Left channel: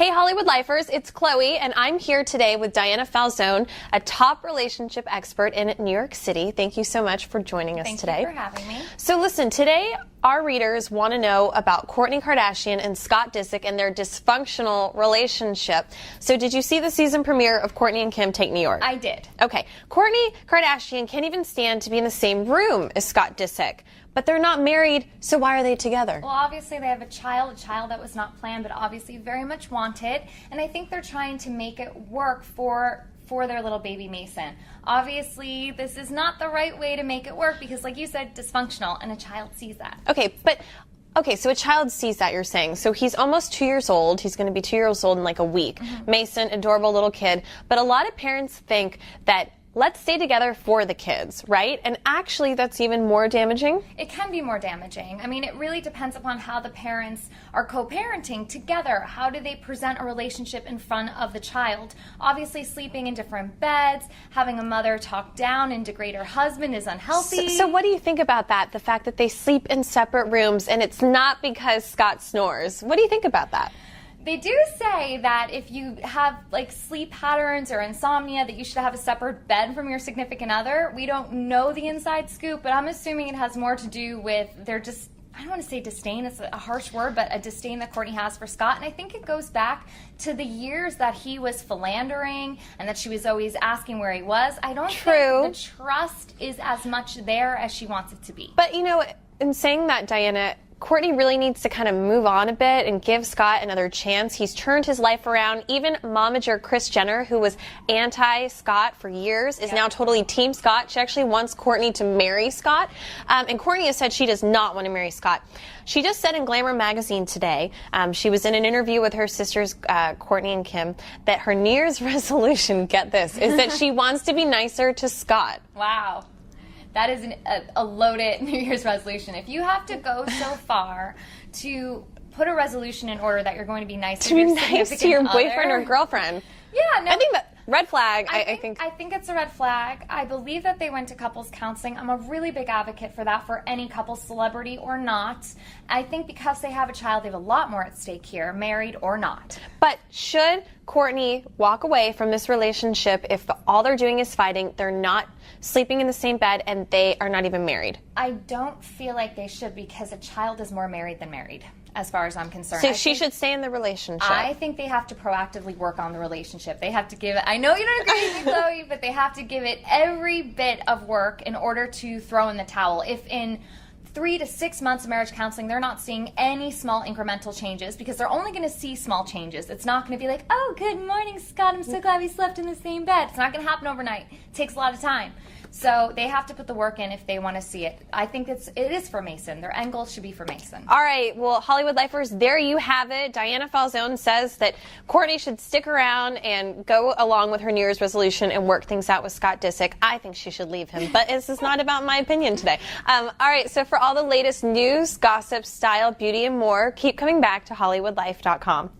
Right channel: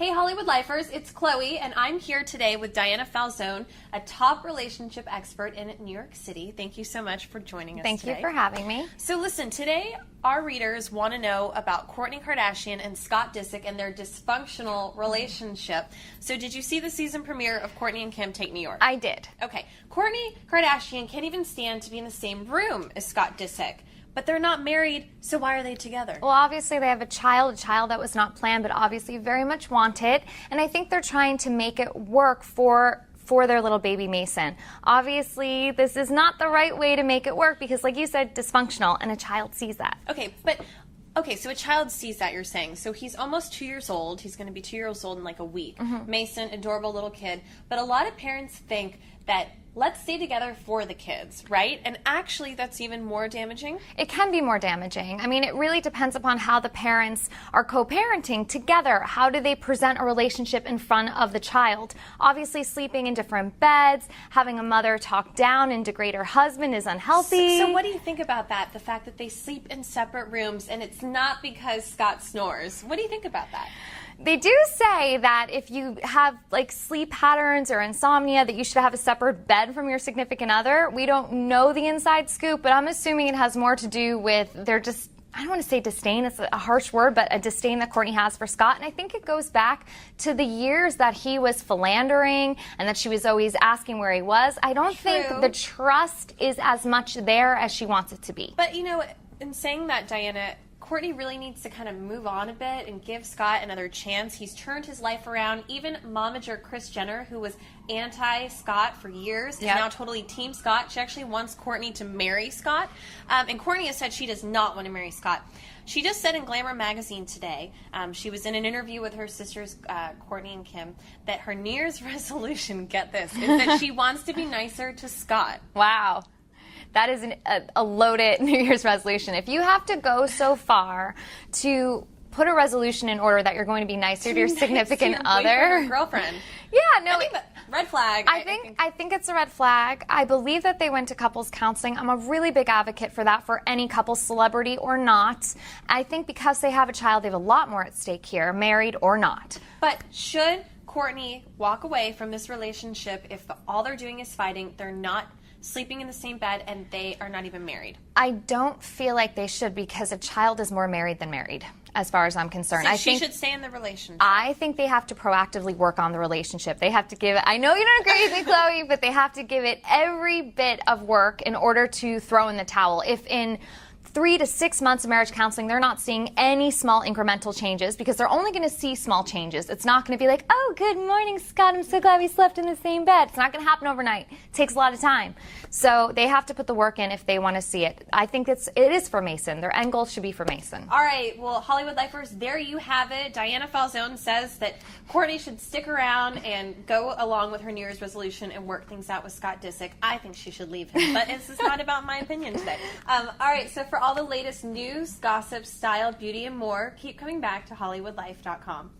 Hey Hollywood Lifers, it's Chloe, and I'm here today with Diana Falzone, a top relationship expert in New York City. Thank you so much for joining us today. Thank you for having me. So listen, today our readers want to know about Kourtney Kardashian and Scott Disick and their dysfunctional relationship. So did you see the season premiere of Kourtney and Kim Take New York? I did. Okay. Kourtney Kardashian can't even stand to be in the same room as Scott Disick. But they're not married, so why are they together? Well, obviously they have a child that was not planned, but obviously very much wanted. And I think they're trying to make it work for their little baby Mason. Obviously, this is not the right way to make it work because, like you said, dysfunctional, and a child sees that. Okay, so a child sees that, you're saying. So he's almost 2 years old. He's going to be 2 years old in like a week. Mason, adorable little kid. But a lot of parents think that let's stay together for the kids, right? And actually, that's even more damaging. It can be more damaging. I mean, it really depends upon how the parents are co-parenting together. How do they present a relationship in front of the child? Obviously, sleeping in different beds, having a mother talk down and degrade her husband is unhealthy. So what do you think about that? The fact that they sleep in separate rooms and it's not because Scott snores. What do you think about that? They do say that if you have like sleep patterns or insomnia that you should have a separate bed from your significant other. We don't know the inside scoop, but I'm assuming it has more to do with their I don't want to say disdain, it's a harsh word, but a disdain that Kourtney has for Scott. And I think it goes back to the years that he was philandering and that she was always asking where he was. I don't think the trust is as much there as she wants it to be. But, you know, in saying that, Diana, Kourtney really needs to kind of move on a bit and give Scott another chance. He's turned his life around. Even momager Kris Jenner, who was anti-Scott for years, is now totally team Scott. She actually wants Kourtney to marry Scott. And Kourtney has said she does not want to marry Scott. She just said in Glamour magazine today, she was in an interview with her sisters, Kourtney and Kim, that her New Year's resolution, get this, is that she wants to be nicer to Scott. Wow. That is a loaded New Year's resolution. If you have to go so far to put a resolution in order that you're going to be nice to your significant other, boyfriend or girlfriend. Yeah, no. I think that red flag. I think it's a red flag. I believe that they went to couples counseling. I'm a really big advocate for that for any couple, celebrity or not. I think because they have a child, they have a lot more at stake here, married or not. But should Kourtney walk away from this relationship if all they're doing is fighting, they're not sleeping in the same bed, and they are not even married? I don't feel like they should because a child is more married than married, as far as I'm concerned. So she should stay in the relationship. I think they have to proactively work on the relationship. They have to give it, I know you don't agree with me, Chloe, but they have to give it every bit of work in order to throw in the towel. If in 3 to 6 months of marriage counseling, they're not seeing any small incremental changes because they're only going to see small changes. It's not going to be like, oh, good morning, Scott. I'm so glad we slept in the same bed. It's not going to happen overnight. It takes a lot of time. So they have to put the work in if they want to see it. I think it is for Mason. Their end goal should be for Mason. All right. Well, Hollywood Lifers, there you have it. Diana Falzone says that Kourtney should stick around and go along with her New Year's resolution and work things out with Scott Disick. I think she should leave him, but this is not about my opinion today. All right. So for all the latest news, gossip, style, beauty, and more, keep coming back to HollywoodLife.com.